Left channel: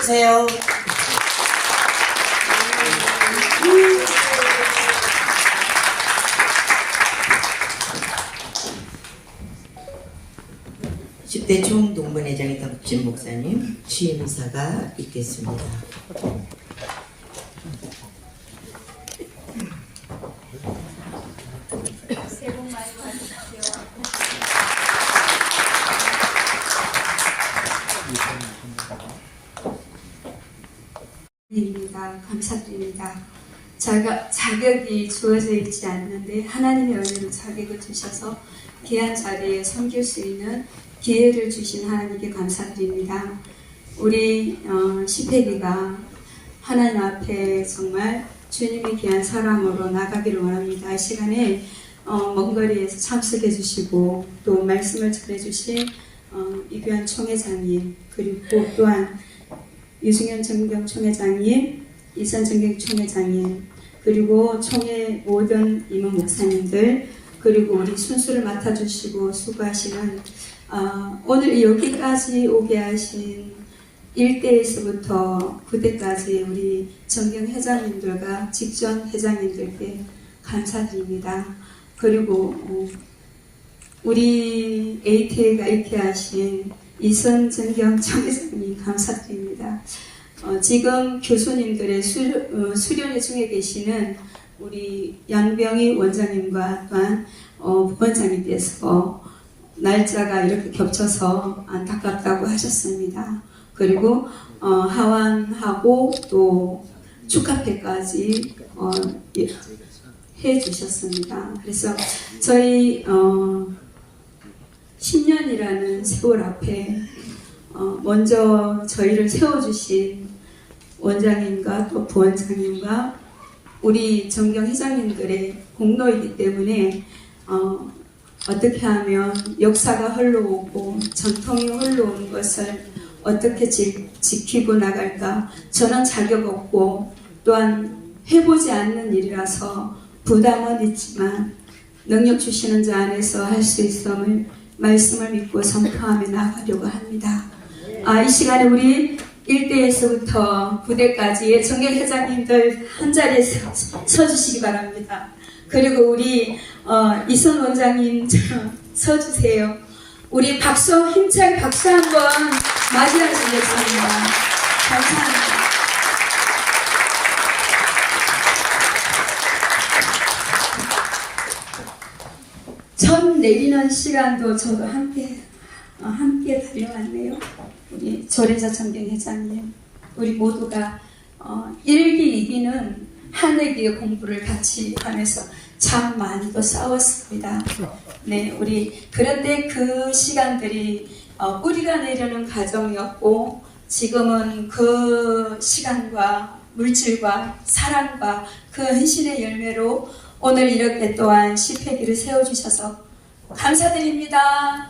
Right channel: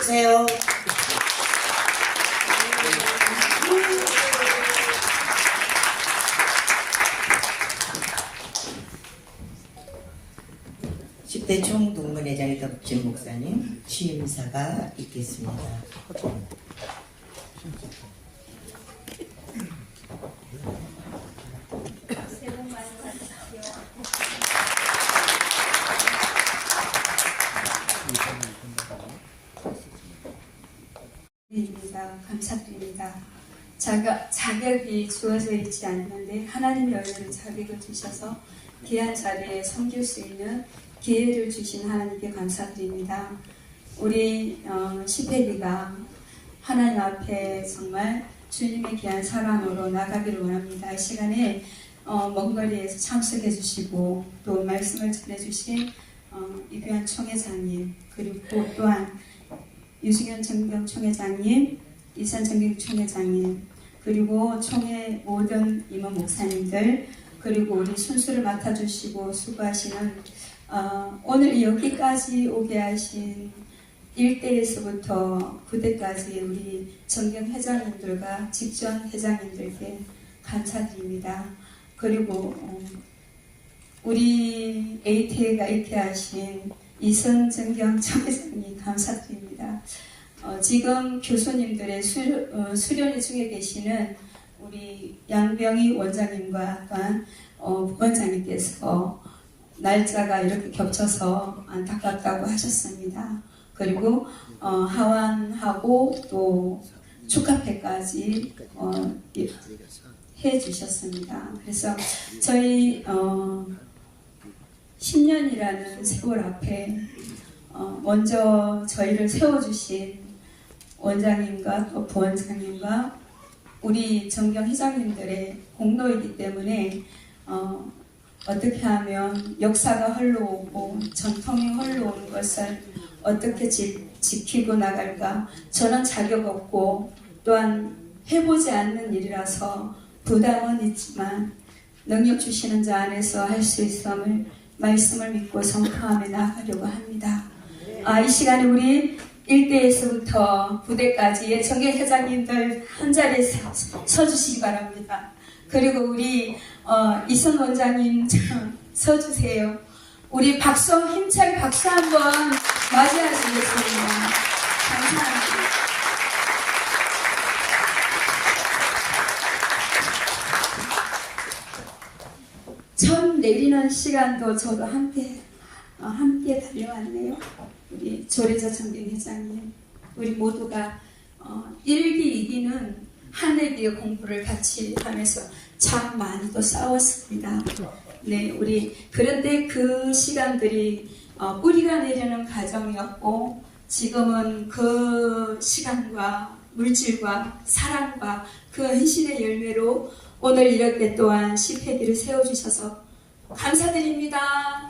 주세요. 십대 총동문회장이던 국진 목사님 취임 인사가 있겠습니다. 입니다. 감사드립니다. 자가, 자격이 주어져 있지 않는데 하나님의 은혜로 자격을 주셔서 귀한 자리에 섬길 수 있는 기회를 주신 하나님께 감사드립니다. 우리 어, 시패기가 하나님 앞에 정말 주님의 귀한 사랑으로 나가기를 원합니다. 이 시간에 어, 먼 거리에서 참석해 주시고 또 말씀을 전해 주신 어, 이규환 총회장님 그리고 또한 유승현 정경 총회장님, 이선 정경 총회장님, 그리고 총회 모든 임원 목사님들, 그리고 우리 순수를 맡아주시고 수고하시는 어, 오늘 여기까지 오게 하신 1대에서부터 9대까지 우리 정경 회장님들과 직전 회장님들께 감사드립니다. 그리고 어, 우리 ATA가 이렇게 하신 이선 정경 총회장님 감사드립니다. 어, 지금 교수님들의 수, 어, 수련회 중에 계시는 우리 양병희 원장님과 또한 어, 부원장님께서 날짜가 이렇게 겹쳐서 안타깝다고 하셨습니다. 그리고 어, 하완하고 또 축하패까지 어, 예, 해주셨습니다. 그래서 저희 어, 10년이라는 세월 앞에 어, 먼저 저희를 세워주신 원장님과 또 부원장님과 우리 정경 회장님들의 공로이기 때문에 어, 어떻게 하면 역사가 흘러오고 전통이 흘러온 것을 어떻게 지, 지키고 나갈까 저는 자격 없고 또한 해보지 않는 일이라서 부담은 있지만 능력 주시는 자 안에서 할 수 있음을 말씀을 믿고 선포하며 나아가려고 합니다. 아, 이 시간에 우리 1대에서부터 9대까지의 정경 회장님들 한 자리에 서, 서주시기 바랍니다. 그리고 우리 어, 이선 원장님 서주세요. 우리 박수 힘차게 박수 한번 맞이하시겠습니다. 감사합니다. 천 내리는 시간도 저도 함께 어, 함께 달려왔네요. 우리 조례자 정경 회장님, 우리 모두가 어, 1기, 2기는 한 해기의 공부를 같이 하면서 참 많이 또 싸웠습니다. 네, 우리 그런데 그 시간들이 어, 뿌리가 내려는 과정이었고 지금은 그 시간과 물질과 사랑과 그 헌신의 열매로 오늘 이렇게 또한 시패기를 세워주셔서 감사드립니다.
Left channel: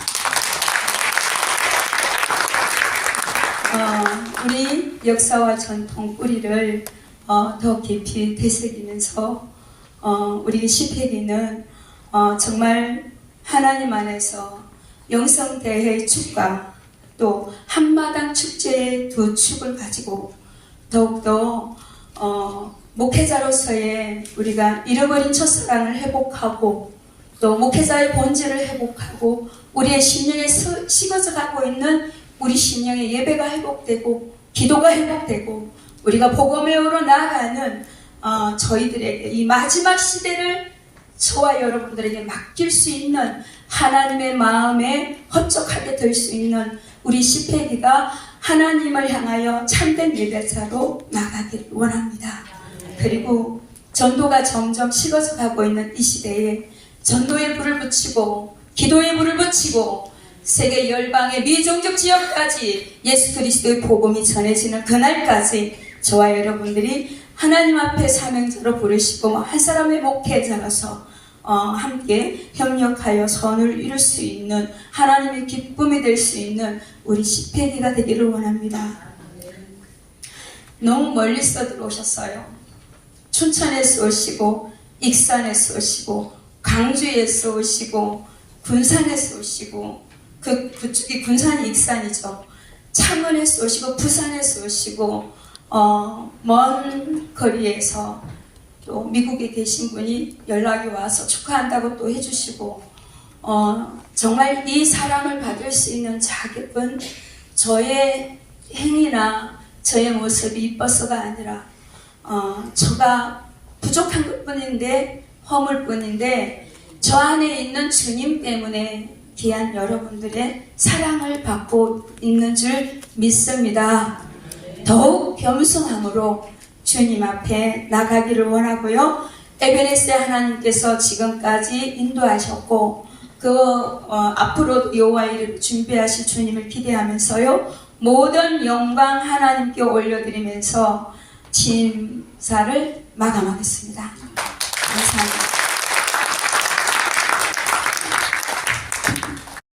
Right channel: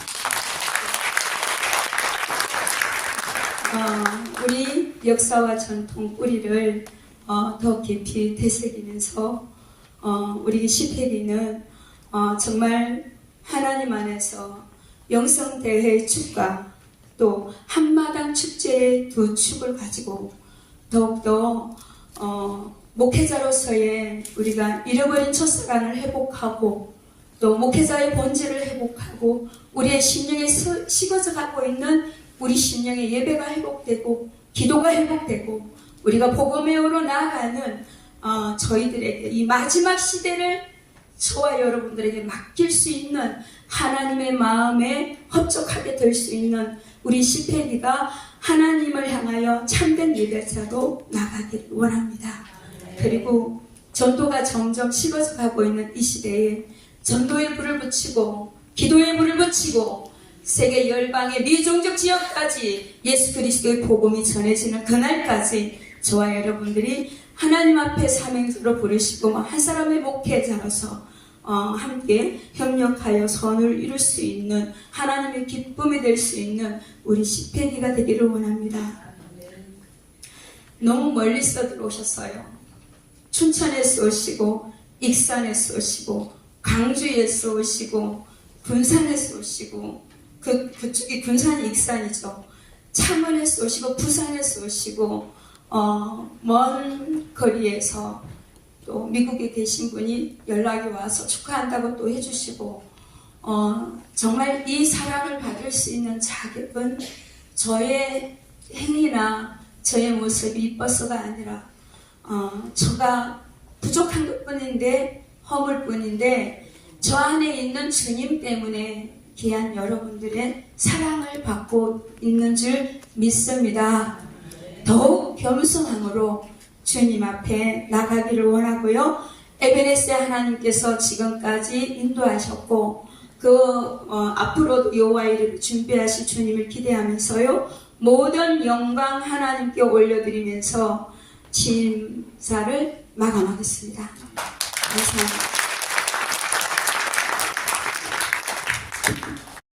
어, 우리 역사와 전통 뿌리를 어, 더 깊이 되새기면서 어, 우리 시패기는 어, 정말 하나님 안에서 영성대회 축과 또 한마당 축제의 두 축을 가지고 더욱더 어, 목회자로서의 우리가 잃어버린 첫사랑을 회복하고 또 목회자의 본질을 회복하고 우리의 심령에 서- 식어져 가고 있는 우리 심령의 예배가 회복되고 기도가 회복되고 우리가 복음회로 나아가는 어, 저희들에게 이 마지막 시대를 저와 여러분들에게 맡길 수 있는 하나님의 마음에 헛적하게 될 수 있는 우리 시페기가 하나님을 향하여 참된 예배자로 나가기를 원합니다. 그리고 전도가 점점 식어져 가고 있는 이 시대에 전도의 불을 붙이고 기도의 불을 붙이고 세계 열방의 미종족 지역까지 예수 그리스도의 복음이 전해지는 그날까지 저와 여러분들이 하나님 앞에 사명자로 부르시고 한 사람의 목회자로서 어, 함께 협력하여 선을 이룰 수 있는 하나님의 기쁨이 될 수 있는 우리 시패기가 되기를 원합니다. 너무 멀리서 들어오셨어요. 춘천에서 오시고 익산에서 오시고 광주에서 오시고 군산에서 오시고 그 그쪽이 군산이 익산이죠. 창원에서 오시고 부산에서 오시고 어, 먼 거리에서 또 미국에 계신 분이 연락이 와서 축하한다고 또 해주시고 어, 정말 이 사랑을 받을 수 있는 자격은 저의 행위나 저의 모습이 이뻐서가 아니라 어, 저가 부족한 것뿐인데 허물 뿐인데 저 안에 있는 주님 때문에 귀한 여러분들의 사랑을 받고 있는 줄 믿습니다. 더욱 겸손함으로 주님 앞에 나가기를 원하고요. 에베레스 하나님께서 지금까지 인도하셨고 그 어, 앞으로도 여호와 이를 준비하실 주님을 기대하면서요. 모든 영광 하나님께 올려드리면서 진사를 마감하겠습니다. 감사합니다.